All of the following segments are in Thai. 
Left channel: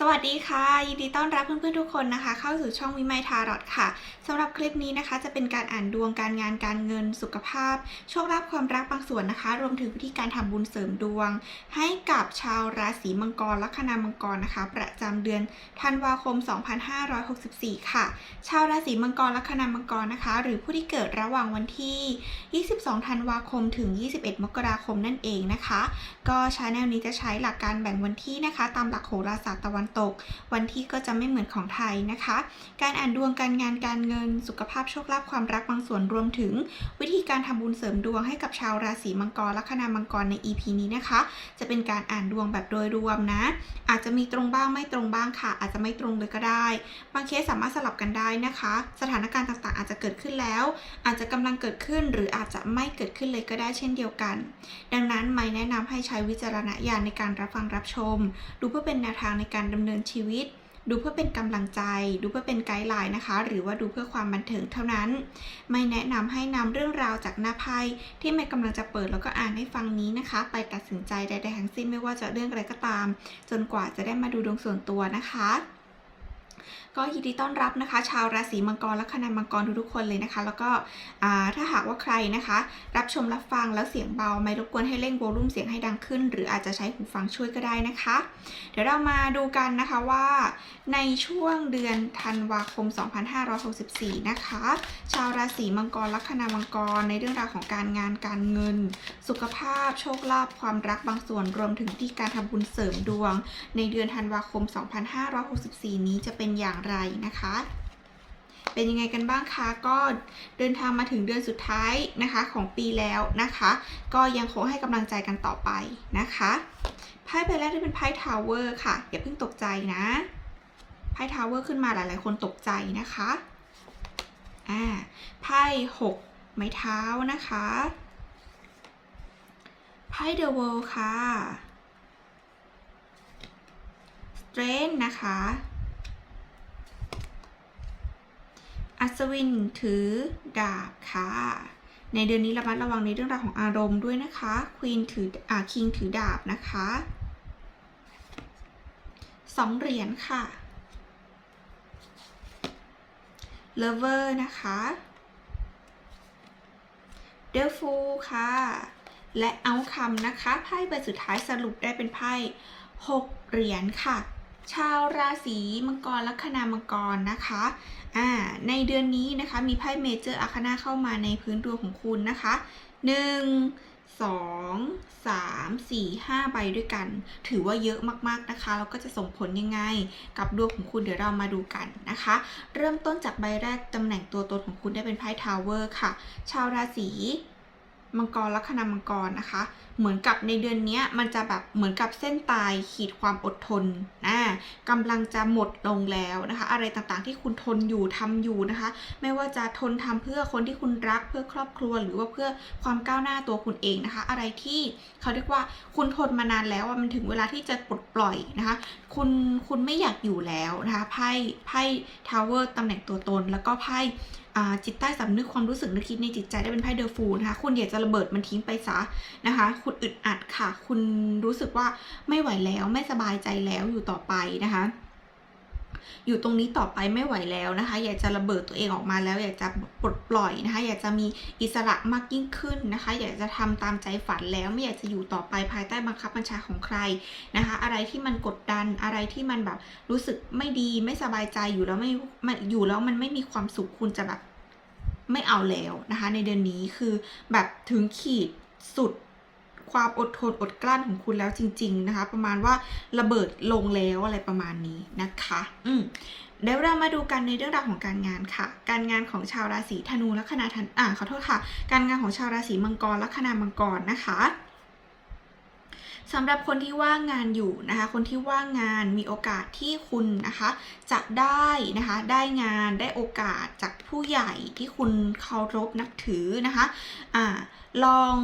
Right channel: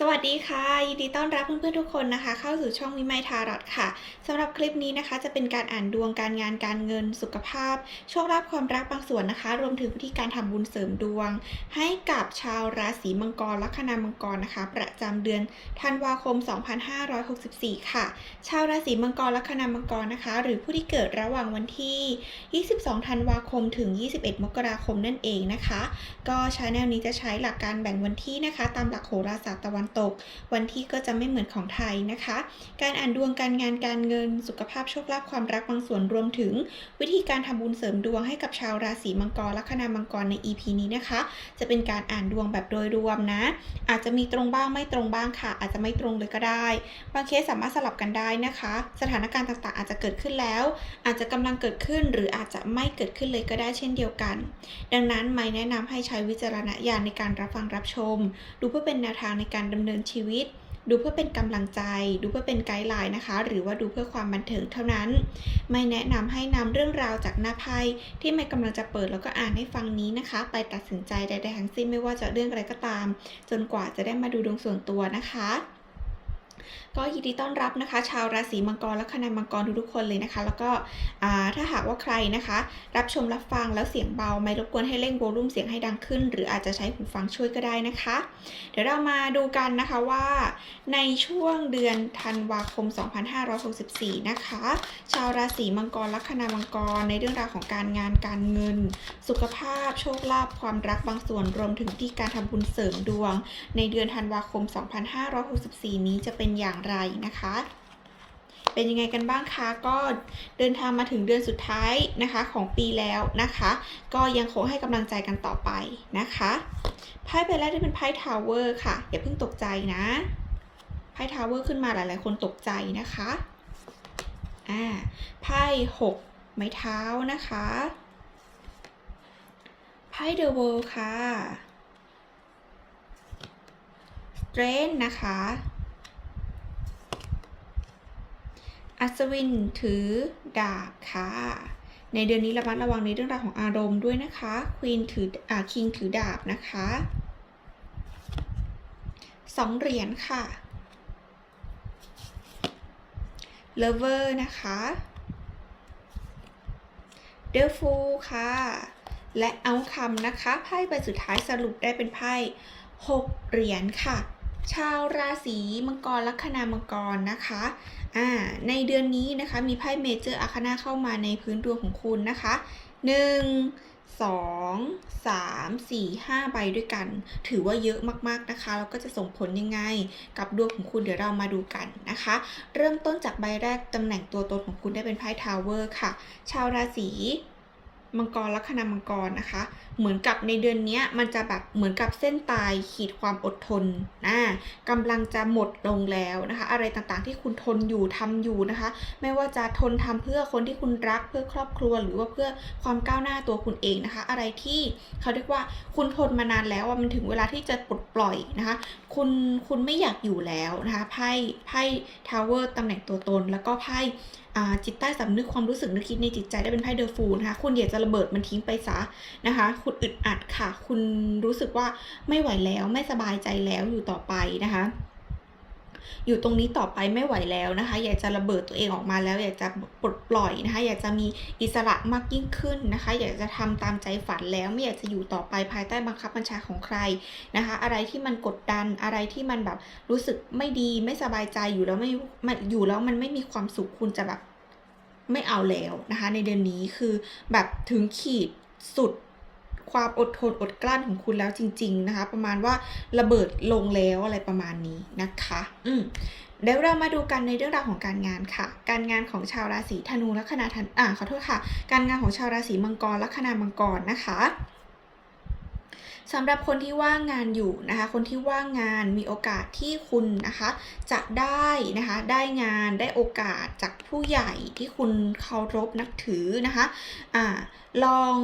สวัสดีค่ะยินดีต้อนรับเพื่อนๆทุกคนนะคะ เข้าสู่ช่องวิไมทารอดค่ะสำหรับคลิปนี้นะคะ จะเป็นการอ่านดวงการงานการเงินสุขภาพ โชคลาภความรักบางส่วนนะคะ รวมถึงวิธีการทำบุญเสริมดวง ให้กับชาวราศีมังกรลัคนามังกรนะคะ ประจำเดือนธันวาคม 2564 ค่ะ ชาวราศีมังกรลัคนามังกรนะคะ หรือผู้ที่เกิดระหว่างวันที่ 22 ธันวาคมถึง 21 มกราคมนั่นเองนะคะ ก็ชาแนลนี้จะใช้หลักการแบ่งวันที่นะคะ ตามหลักโหราศาสตร์ตะวันตก วันที่ก็จะไม่เหมือนของไทยนะคะ การอ่านดวงการงานการเงิน สุขภาพโชคลาภความรักบางส่วนรวมถึง วิธีการทำบุญเสริมดวงให้กับชาวราศีมังกรลัคนามังกรใน EP นี้นะคะ จะเป็นการอ่านดวงแบบโดยรวมนะ อาจจะมีตรงบ้างไม่ตรงบ้างค่ะ อาจจะไม่ตรงเลยก็ได้ บางเคสสามารถสลับกันได้นะคะ สถานการณ์ต่างๆ อาจจะเกิดขึ้นแล้ว อาจจะกำลังเกิดขึ้นหรืออาจจะไม่เกิดขึ้นเลยก็ได้เช่นเดียวกัน ดังนั้นไม่แนะนำให้ใช้วิจารณญาณในการรับฟังรับชม ดูเพื่อเป็นแนวทางในการดำเนินชีวิต ดูเพื่อเป็นกำลังใจ ดูเพื่อเป็นไกด์ไลน์นะคะ หรือว่าดูเพื่อความบันเทิงเท่านั้น ไม่แนะนำให้นำเรื่องราวจากหน้าไพ่ที่ไม่กำลังจะเปิดแล้วก็อ่านให้ฟังนี้นะคะ ไปตัดสินใจใดๆทั้งสิ้นไม่ว่าจะเรื่องอะไรก็ตาม จนกว่าจะได้มาดูดวงส่วนตัวนะคะ ก็ยินดีต้อนรับนะคะ ชาวราศีมังกรและคณามังกรทุกๆคนเลยนะคะ แล้วก็ถ้าหากว่าใครนะคะ รับชมรับฟังแล้วเสียงเบา ไม่รบกวนให้เร่งโวลูมเสียงให้ดังขึ้น หรืออาจจะใช้หูฟังช่วยก็ได้นะคะ เดี๋ยวเรามาดูกันนะคะว่าในช่วงเดือนธันวาคม 2564 นะคะ ชาวราศีมังกรลัคนามังกรในเรื่องราวของการงานการเงิน สุขภาพ โชคลาภความรักบางส่วนรวมถึงที่การทำบุญเสริมดวง ในเดือนธันวาคม 2564 นี้จะเป็นอย่างไรนะคะ เป็นยังไงกันบ้างคะ ก็เดินทางมาถึงเดือนสุดท้ายนะคะของปีแล้วนะคะ ก็ยังคงให้กำลังใจกันต่อไปนะคะไพ่ใบแรกที่เป็นไพ่ทาวเวอร์ค่ะอย่าเพิ่งตกใจนะไพ่ทาวเวอร์ขึ้นมาหลาย ๆ คนตกใจนะคะอ่าไพ่หกไม้เท้านะคะไพ่เดอะเวิลด์ค่ะ สเตรนนะคะ อัศวินถือดาบค่ะ ในเดือนนี้ระมัดระวังในเรื่องราวของอารมณ์ด้วยนะคะควีนถืออ่าคิงถือดาบนะคะสองเหรียญค่ะเลเวอร์นะคะเดลฟูค่ะ และเอาคำนะคะ ไพ่ใบสุดท้ายสรุปได้เป็นไพ่หกเหรียญค่ะ ชาวราศีมังกรลัคนามังกรนะคะ อ่าในเดือนนี้นะคะมีไพ่เมเจอร์อาคนาเข้ามาในพื้นดวงของคุณนะคะหนึ่งสองสามสี่ห้าใบด้วยกัน ถือว่าเยอะมากๆนะคะ แล้วก็จะส่งผลยังไง กับดวงของคุณเดี๋ยวเรามาดูกันนะคะ เริ่มต้นจากใบแรกตำแหน่งตัวตนของคุณได้เป็นไพ่ทาวเวอร์ค่ะ ชาวราศีมังกรลัคนามังกรนะคะ เหมือนกับในเดือนนี้มันจะแบบเหมือนกับเส้นตายขีดความอดทนนะกำลังจะหมดลงแล้วนะคะ อะไรต่างๆที่คุณทนอยู่ทำอยู่นะคะ ไม่ว่าจะทนทำเพื่อคนที่คุณรักเพื่อครอบครัวหรือว่าเพื่อความก้าวหน้าตัวคุณเองนะคะ อะไรที่เขาเรียกว่าคุณทนมานานแล้วว่ามันถึงเวลาที่จะปลดปล่อยนะคะ คุณคุณไม่อยากอยู่แล้วนะคะไพ่ไพ่ทาวเวอร์ตำแหน่งตัวตน แล้วก็ไพ่จิตใต้สำนึกความรู้สึกนึกคิดในจิตใจได้เป็นไพ่เดอะฟูนะคะคุณอยากจะระเบิดมันทิ้งไปซะนะคะคุณอึดอัดค่ะ คุณรู้สึกว่าไม่ไหวแล้วไม่สบายใจแล้วอยู่ต่อไปนะคะ อยู่ตรงนี้ต่อไปไม่ไหวแล้วนะคะ อยากจะระเบิดตัวเองออกมาแล้ว อยากจะปลดปล่อยนะคะ อยากจะมีอิสระมากยิ่งขึ้นนะคะ อยากจะทำตามใจฝันแล้วไม่อยากจะอยู่ต่อไปภายใต้บังคับบัญชาของใครนะคะ อะไรที่มันกดดันอะไรที่มันแบบรู้สึกไม่ดีไม่สบายใจอยู่แล้วไม่ไม่อยู่แล้วมันไม่มีความสุขคุณจะแบบไม่เอาแล้วนะคะ ในเดือนนี้คือแบบถึงขีดสุด ความอดทนอดกลั้นของคุณแล้วจริง ๆ นะคะ ประมาณว่าระเบิดลงแล้วอะไรประมาณนี้นะคะ อืมเดี๋ยวเรามาดูกันในเรื่องราวของการงานค่ะ การงานของชาวราศีธนูและคนาธันอ่าขอโทษค่ะ การงานของชาวราศีมังกรและคนามังกรนะคะสำหรับคนที่ว่างงานอยู่นะคะ คนที่ว่างงานมีโอกาสที่คุณนะคะ จะได้นะคะได้งานได้โอกาสจากผู้ใหญ่ที่คุณเคารพนับถือนะคะอ่าลอง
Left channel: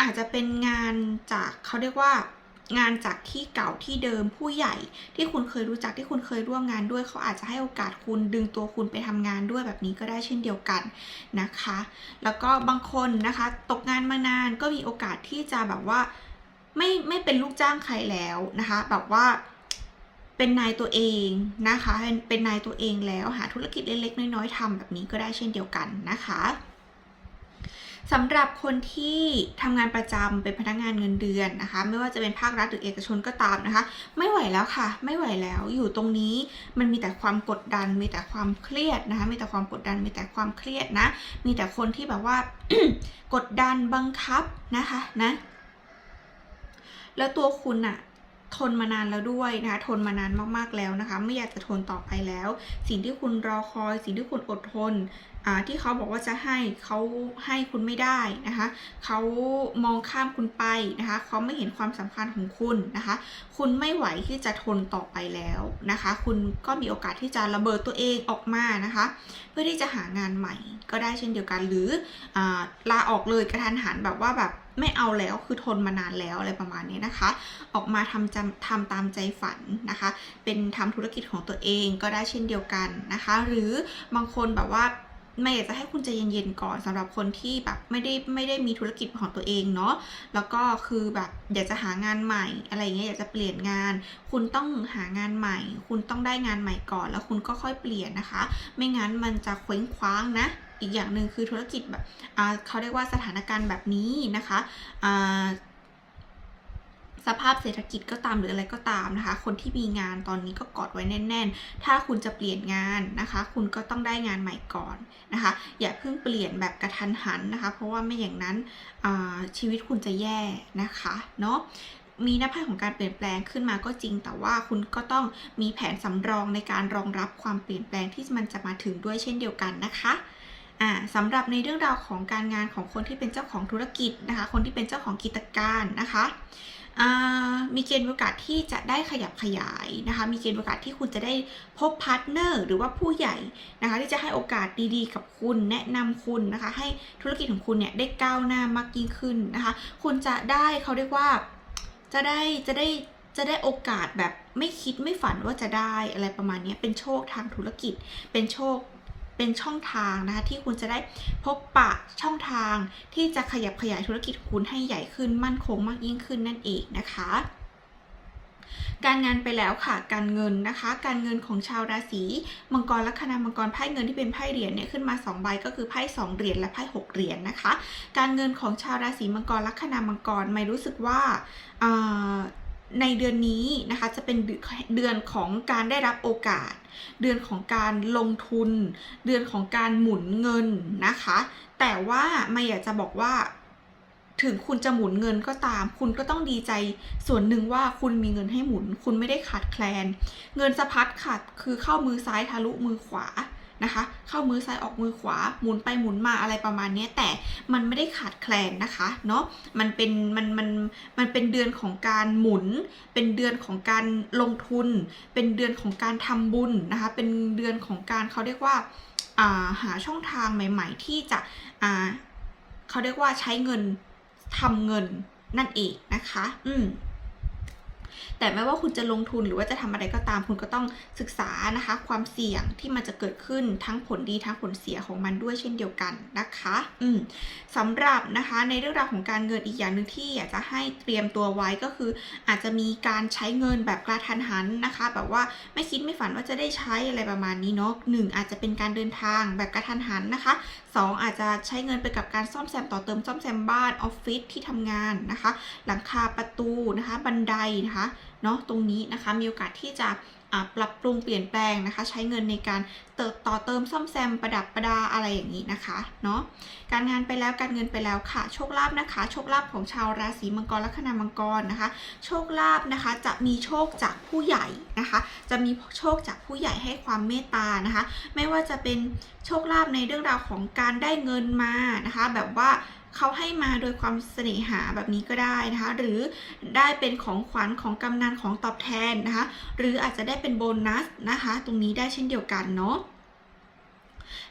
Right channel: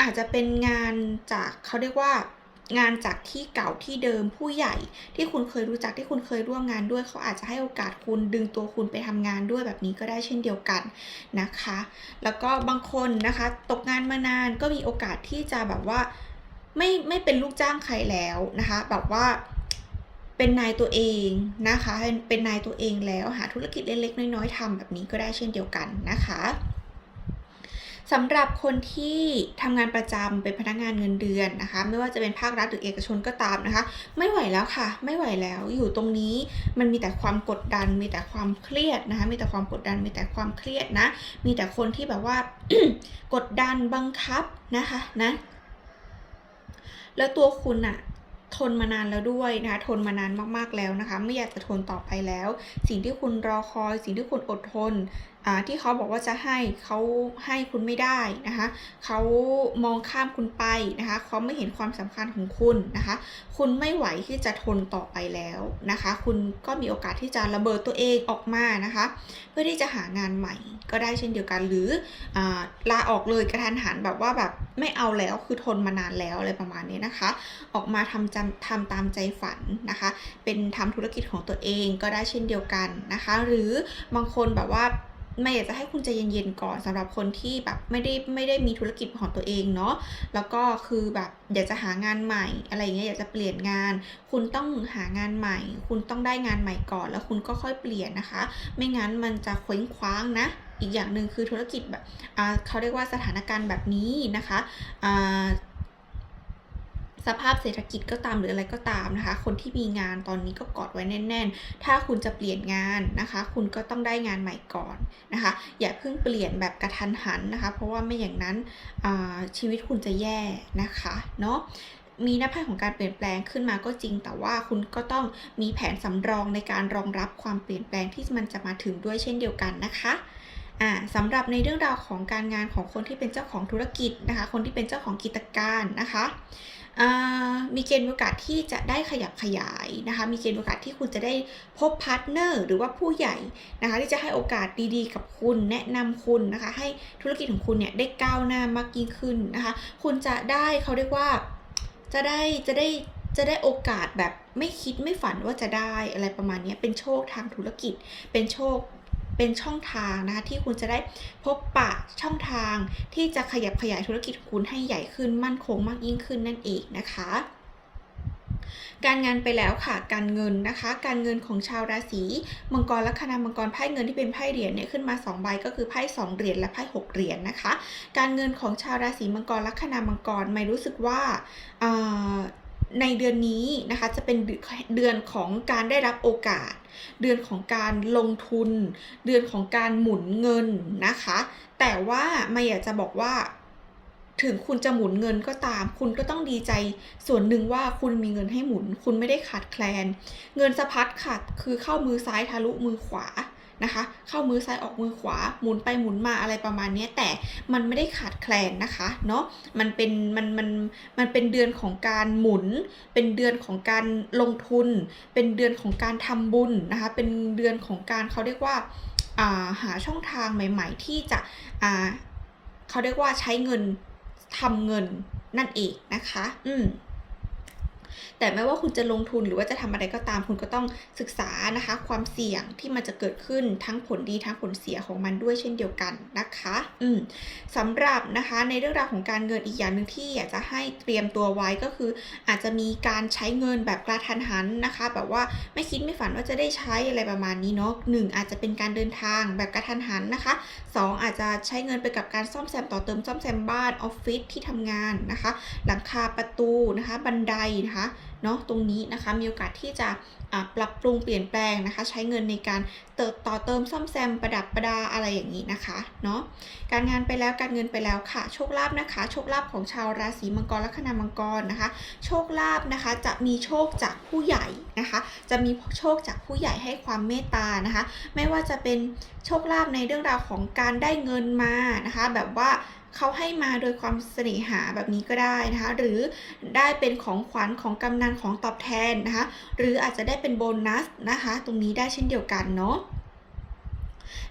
อาจจะเป็นงานจากเขาเรียกว่างานจากที่เก่าที่เดิมผู้ใหญ่ ที่คุณเคยรู้จักที่คุณเคยร่วมงานด้วย เขาอาจจะให้โอกาสคุณดึงตัวคุณไปทำงานด้วยแบบนี้ก็ได้เช่นเดียวกันนะคะ แล้วก็บางคนนะคะ ตกงานมานานก็มีโอกาสที่จะแบบว่าไม่ไม่เป็นลูกจ้างใครแล้วนะคะ แบบว่าเป็นนายตัวเองนะคะ เป็นเป็นนายตัวเองแล้วหาธุรกิจเล็กๆน้อยๆทำแบบนี้ก็ได้เช่นเดียวกันนะคะ สำหรับคนที่ทำงานประจำเป็นพนักงานเงินเดือนนะคะ ไม่ว่าจะเป็นภาครัฐหรือเอกชนก็ตามนะคะ ไม่ไหวแล้วค่ะ ไม่ไหวแล้วอยู่ตรงนี้มันมีแต่ความกดดัน มีแต่ความเครียดนะคะ มีแต่ความกดดัน มีแต่ความเครียดนะ มีแต่คนที่แบบว่ากดดันบังคับนะคะนะแล้วตัวคุณอะทนมานานแล้วด้วยนะคะทนมานานมากๆแล้วนะคะ ไม่อยากจะทนต่อไปแล้ว สิ่งที่คุณรอคอย สิ่งที่คุณอดทนที่เขาบอกว่าจะให้เขาให้คุณไม่ได้นะคะเขามองข้ามคุณไปนะคะเขาไม่เห็นความสำคัญของคุณนะคะ คุณไม่ไหวที่จะทนต่อไปแล้วนะคะ คุณก็มีโอกาสที่จะระเบิดตัวเองออกมานะคะ เพื่อที่จะหางานใหม่ก็ได้เช่นเดียวกันหรืออลาออกเลยกระทันหันแบบว่าแบบไม่เอาแล้วคือทนมานานแล้วอะไรประมาณนี้นะคะ ออกมาทำจำทำตามใจฝันนะคะ เป็นทำธุรกิจของตัวเองก็ได้เช่นเดียวกันนะคะ หรือบางคนแบบว่า ไม่อยากจะให้คุณใจเย็นๆก่อนสำหรับคนที่แบบไม่ได้ไม่ได้มีธุรกิจของตัวเองเนาะแล้วก็คือแบบอยากจะหางานใหม่อะไรอย่างเงี้ยอยากจะเปลี่ยนงาน คุณต้องหางานใหม่ คุณต้องได้งานใหม่ก่อน แล้วคุณก็ค่อยเปลี่ยนนะคะ ไม่งั้นมันจะเคว้งคว้างนะอีกอย่างหนึ่งคือธุรกิจแบบเขาเรียกว่าสถานการณ์แบบนี้นะคะ สภาพเศรษฐกิจก็ตามหรืออะไรก็ตามนะคะ คนที่มีงานตอนนี้ก็กอดไว้แน่น ๆ ถ้าคุณจะเปลี่ยนงานนะคะ คุณก็ต้องได้งานใหม่ก่อนนะคะ อย่าเพิ่งเปลี่ยนแบบกระทันหันนะคะ เพราะว่าไม่อย่างนั้นชีวิตคุณจะแย่นะคะเนาะมีหน้าไพ่ของการเปลี่ยนแปลงขึ้นมาก็จริง แต่ว่าคุณก็ต้องมีแผนสำรองในการรองรับความเปลี่ยนแปลงที่มันจะมาถึงด้วยเช่นเดียวกันนะคะอ่าสำหรับในเรื่องราวของการงานของคนที่เป็นเจ้าของธุรกิจนะคะ คนที่เป็นเจ้าของกิจการนะคะ มีเกณฑ์โอกาสที่จะได้ขยับขยายนะคะ มีเกณฑ์โอกาสที่คุณจะได้พบพาร์ทเนอร์หรือว่าผู้ใหญ่นะคะ ที่จะให้โอกาสดีๆ กับคุณแนะนำคุณนะคะ ให้ธุรกิจของคุณเนี่ยได้ก้าวหน้ามากยิ่งขึ้นนะคะ คุณจะได้เขาเรียกว่าจะได้จะได้จะได้โอกาสแบบไม่คิดไม่ฝันว่าจะได้อะไรประมาณนี้เป็นโชคทางธุรกิจเป็นโชค เป็นช่องทางนะคะที่คุณจะได้พบปะช่องทางที่จะขยับขยายธุรกิจคุณให้ใหญ่ขึ้นมั่นคงมากยิ่งขึ้นนั่นเองนะคะการงานไปแล้วค่ะ การเงินนะคะ การเงินของชาวราศีมังกรลัคนามังกรไพ่เงินที่เป็นไพ่เหรียญเนี่ยขึ้นมา2ใบก็คือไพ่2เหรียญและไพ่6เหรียญนะคะ การเงินของชาวราศีมังกรลัคนามังกรไม่รู้สึกว่าในเดือนนี้นะคะจะเป็นเดือนของการได้รับโอกาส เดือนของการลงทุน เดือนของการหมุนเงินนะคะ แต่ว่าไม่อยากจะบอกว่า ถึงคุณจะหมุนเงินก็ตาม คุณก็ต้องดีใจส่วนหนึ่งว่าคุณมีเงินให้หมุน คุณไม่ได้ขาดแคลน เงินสะพัดค่ะ คือเข้ามือซ้ายทะลุมือขวา นะคะ เข้ามือซ้ายออกมือขวาหมุนไปหมุนมาอะไรประมาณนี้แต่มันไม่ได้ขาดแคลนนะคะเนาะมันเป็นมันมันมันเป็นเดือนของการหมุน เป็นเดือนของการลงทุน เป็นเดือนของการทำบุญนะคะเป็นเดือนของการเขาเรียกว่าาหาช่องทางใหม่ ๆ ที่จะเขาเรียกว่าใช้เงินทำเงินนั่นเองนะคะ อืม แต่ไม่ว่าคุณจะลงทุนหรือว่าจะทำอะไรก็ตามคุณก็ต้องศึกษานะคะ ความเสี่ยงที่มันจะเกิดขึ้นทั้งผลดีทั้งผลเสียของมันด้วยเช่นเดียวกันนะคะอืมสำหรับนะคะในเรื่องราวของการเงินอีกอย่างหนึ่งที่อยากจะให้เตรียมตัวไว้ก็คือ อาจจะมีการใช้เงินแบบกระทันหันนะคะ แบบว่าไม่คิดไม่ฝันว่าจะได้ใช้อะไรประมาณนี้เนาะหนึ่งอาจจะเป็นการเดินทางแบบกระทันหันนะคะสองอาจจะใช้เงินไปกับการซ่อมแซมต่อเติมซ่อมแซมบ้านออฟฟิศที่ทำงานนะคะ หลังคาประตูนะคะ บันไดนะคะ เนาะตรงนี้นะคะมีโอกาสที่จะปรับปรุงเปลี่ยนแปลงนะคะ ใช้เงินในการเติมต่อเติมซ่อมแซมประดับประดาอะไรอย่างนี้นะคะเนาะการงานไปแล้วการเงินไปแล้วค่ะ โชคลาภนะคะ โชคลาภของชาวราศีมังกรลัคนามังกรนะคะ โชคลาภนะคะจะมีโชคจากผู้ใหญ่นะคะ จะมีโชคจากผู้ใหญ่ให้ความเมตตานะคะ ไม่ว่าจะเป็นโชคลาภในเรื่องราวของการได้เงินมานะคะ แบบว่า เขาให้มาโดยความเสน่หาแบบนี้ก็ได้นะคะ หรือได้เป็นของขวัญของกำนันของตอบแทนนะคะ หรืออาจจะได้เป็นโบนัสนะคะ ตรงนี้ได้เช่นเดียวกันเนาะ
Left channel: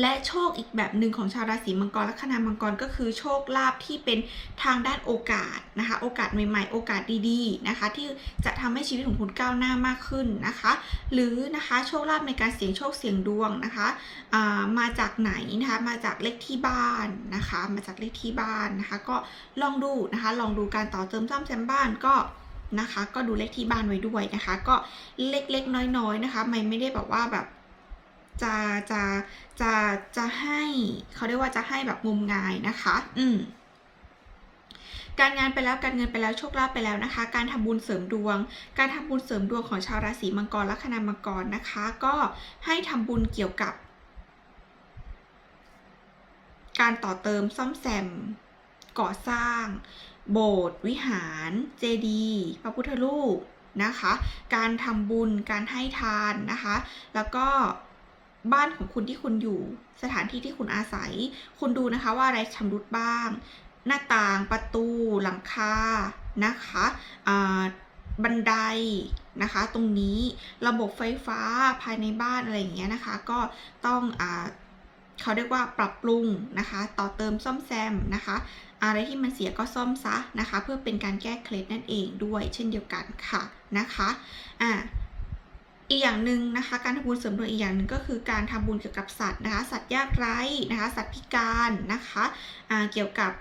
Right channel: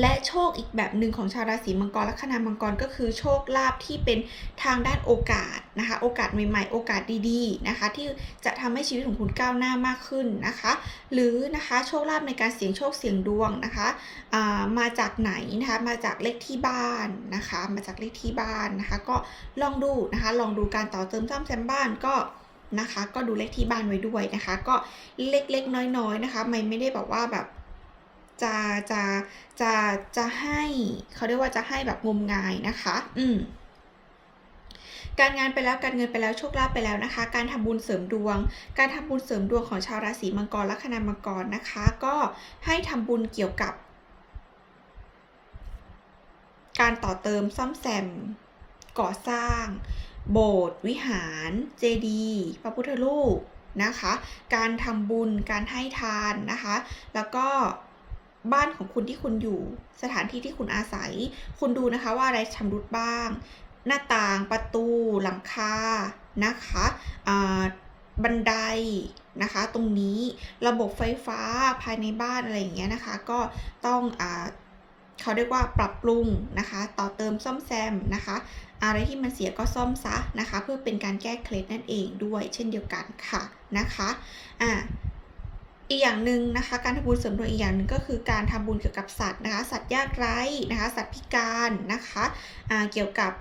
และโชคอีกแบบหนึ่งของชาวราศีมังกรและคณามังกรก็คือโชคลาภที่เป็นทางด้านโอกาสนะคะ โอกาสใหม่ๆ โอกาสดีๆนะคะ ที่จะทำให้ชีวิตของคุณก้าวหน้ามากขึ้นนะคะ หรือนะคะโชคลาภในการเสี่ยงโชคเสี่ยงดวงนะคะามาจากไหนนะคะมาจากเลขที่บ้านนะคะ มาจากเลขที่บ้านนะคะ ก็ลองดูนะคะ ลองดูการต่อเติมซ่อมแซมบ้านก็นะคะ ก็ดูเลขที่บ้านไว้ด้วยนะคะ ก็เล็กๆน้อยๆนะคะ ไม่ไม่ได้แบบว่าแบบ จะจะจะจะให้เขาเรียกว่าจะให้แบบงมงายนะคะ อืมการงานไปแล้วการเงินไปแล้วโชคลาภไปแล้วนะคะ การทำบุญเสริมดวง การทำบุญเสริมดวงของชาวราศีมังกรลัคนามังกรนะคะ ก็ให้ทำบุญเกี่ยวกับ การต่อเติมซ่อมแซม ก่อสร้าง โบสถ์วิหาร เจดีย์พระพุทธรูปนะคะ การทำบุญการให้ทานนะคะ แล้วก็ บ้านของคุณที่คุณอยู่ สถานที่ที่คุณอาศัย คุณดูนะคะว่าอะไรชำรุดบ้าง หน้าต่างประตู หลังคานะคะบันไดนะคะ ตรงนี้ระบบไฟฟ้าภายในบ้านอะไรอย่างเงี้ยนะคะ ก็ต้องอเขาเรียกว่าปรับปรุงนะคะ ต่อเติมซ่อมแซมนะคะ อะไรที่มันเสียก็ซ่อมซะนะคะ เพื่อเป็นการแก้เคล็ดนั่นเองด้วย เช่นเดียวกันค่ะนะคะอ่า อีกอย่างหนึ่งนะคะ การทำบุญเสริมดวงอีกอย่างหนึ่งก็คือการทำบุญเกี่ยวกับสัตว์นะคะ สัตว์ยากไร้นะคะ สัตว์พิการนะคะเกี่ยวกับ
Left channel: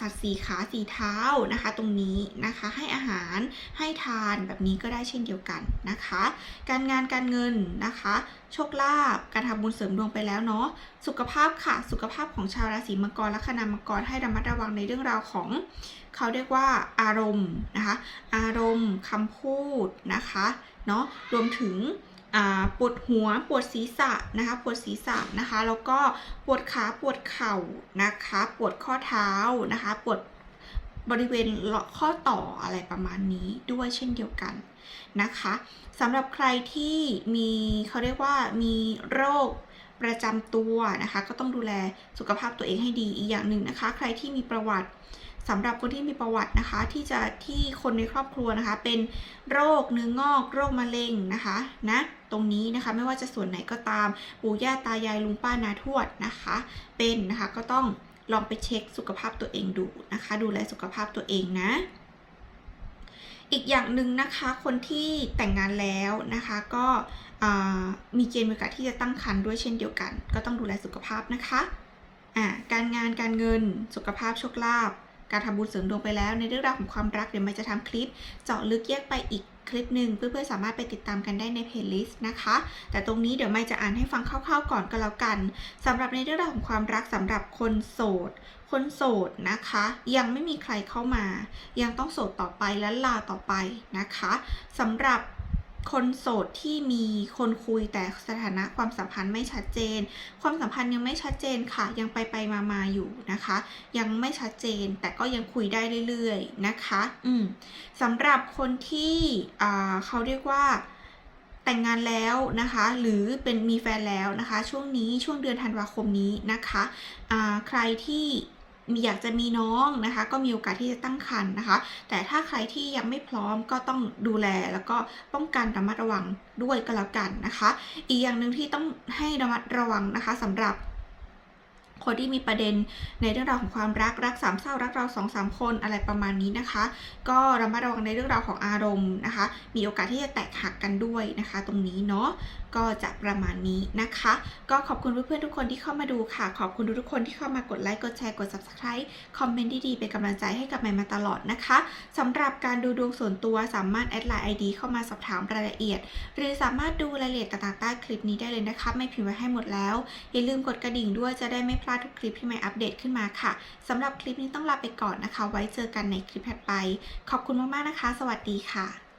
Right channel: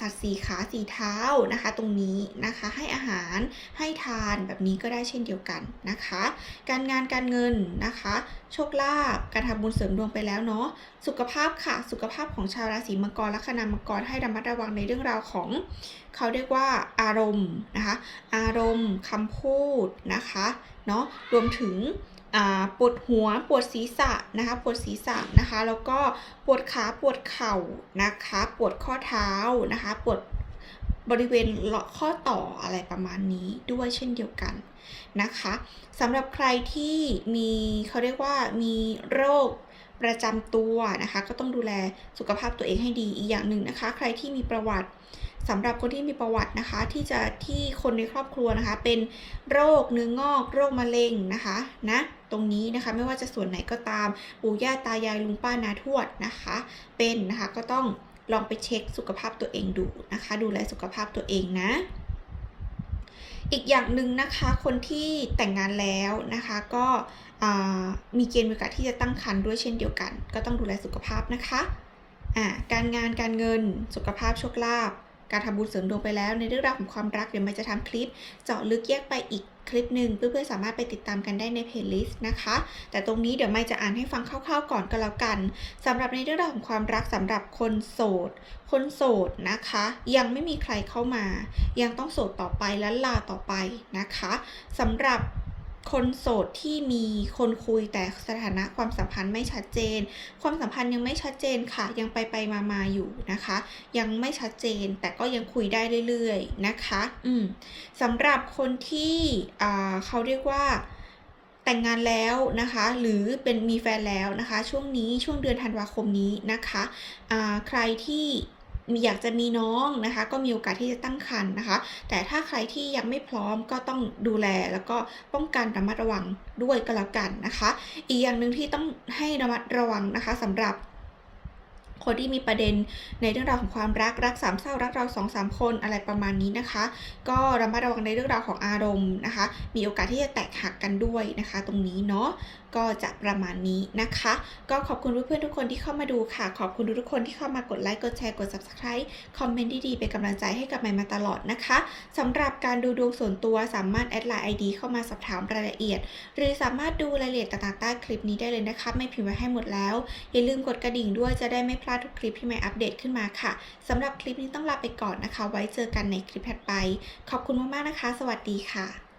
สัตว์สีขาสีเท้านะคะ ตรงนี้นะคะให้อาหารให้ทานแบบนี้ก็ได้เช่นเดียวกันนะคะ การงานการเงินนะคะ โชคลาภการทำบุญเสริมดวงไปแล้วเนาะสุขภาพค่ะ สุขภาพของชาวราศีมังกรและคณามังกรให้ระมัดระวังในเรื่องราวของ เขาเรียกว่าอารมณ์นะคะ อารมณ์คำพูดนะคะ เนาะรวมถึงปวดหัวปวดศีรษะนะคะปวดศีรษะนะคะแล้วก็ปวดขาปวดเข่านะคะปวดข้อเท้านะคะปวดบริเวณเลาะข้อต่ออะไรประมาณนี้ด้วยเช่นเดียวกันนะคะสำหรับใครที่มีเขาเรียกว่ามีโรคประจำตัวนะคะ ก็ต้องดูแลสุขภาพตัวเองให้ดีอีกอย่างหนึ่งนะคะ ใครที่มีประวัติ สำหรับคนที่มีประวัตินะคะ ที่จะที่คนในครอบครัวนะคะ เป็นโรคเนื้องอก โรคมะเร็งนะคะนะตรงนี้นะคะไม่ว่าจะส่วนไหนก็ตามปู่ย่าตายายลุงป้านาทวดนะคะ เป็นนะคะก็ต้องลองไปเช็คสุขภาพตัวเองดูนะคะ ดูแลสุขภาพตัวเองนะ อีกอย่างหนึ่งนะคะคนที่แต่งงานแล้วนะคะก็มีเกณฑ์โอกาสที่จะตั้งครรภ์ด้วยเช่นเดียวกัน ก็ต้องดูแลสุขภาพนะคะอ่าการงานการเงินสุขภาพโชคลาภ การทำบุญเสริมดวงไปแล้ว ในเรื่องราวของความรักเดี๋ยวมันจะทำคลิป เจาะลึกแยกไปอีกคลิปหนึ่งเพื่อนๆสามารถไปติดตามกันได้ในเพลย์ลิสต์นะคะ แต่ตรงนี้เดี๋ยวไม่จะอ่านให้ฟังคร่าวๆก่อนก็แล้วกันสำหรับในเรื่องราวของความรักสำหรับคนโสด คนโสดนะคะ ยังไม่มีใครเข้ามา ยังต้องโสดต่อไปและลาต่อไปนะคะสำหรับ คนโสดที่มีคนคุยแต่สถานะความสัมพันธ์ไม่ชัดเจน ความสัมพันธ์ยังไม่ชัดเจนค่ะ ยังไปไปมามาอยู่นะคะ ยังไม่ชัดเจนแต่ก็ยังคุยได้เรื่อยๆนะคะ อืมสำหรับคนที่เขาเรียกว่าแต่งงานแล้วนะคะ หรือเป็นมีแฟนแล้วนะคะ ช่วงนี้ช่วงเดือนธันวาคมนี้นะคะใครที่ อยากจะมีน้องนะคะ ก็มีโอกาสที่จะตั้งครรภ์นะคะ แต่ถ้าใครที่ยังไม่พร้อมก็ต้องดูแลแล้วก็ป้องกันระมัดระวังด้วยก็แล้วกันนะคะ อีกอย่างหนึ่งที่ต้องให้ระมัดระวังนะคะสำหรับคนที่มีประเด็นในเรื่องราวของความรักรักสามเศร้ารักเราสองสามคนอะไรประมาณนี้นะคะ ก็ระมัดระวังในเรื่องราวของอารมณ์นะคะ มีโอกาสที่จะแตกหักกันด้วยนะคะ ตรงนี้เนาะ ก็จะประมาณนี้นะคะ ก็ขอบคุณเพื่อนๆทุกคนที่เข้ามาดูค่ะ ขอบคุณทุกคนที่เข้ามากดไลค์กดแชร์กด subscribe คอมเมนต์ดีๆเป็นกำลังใจให้กับใหม่มาตลอดนะคะสำหรับการดูดวงส่วนตัวสามารถแอดไลน์ ID เข้ามาสอบถามรายละเอียด หรือสามารถดูรายละเอียดต่างๆใต้คลิปนี้ได้เลยนะคะไม่พิมพ์ไว้ให้หมดแล้ว อย่าลืมกดกระดิ่งด้วยจะได้ไม่พลาดทุกคลิปที่ใหม่อัปเดตขึ้นมาค่ะสำหรับคลิปนี้ต้องลาไปก่อนนะคะ ไว้เจอกันในคลิปถัดไป ขอบคุณมากๆนะคะ สวัสดีค่ะ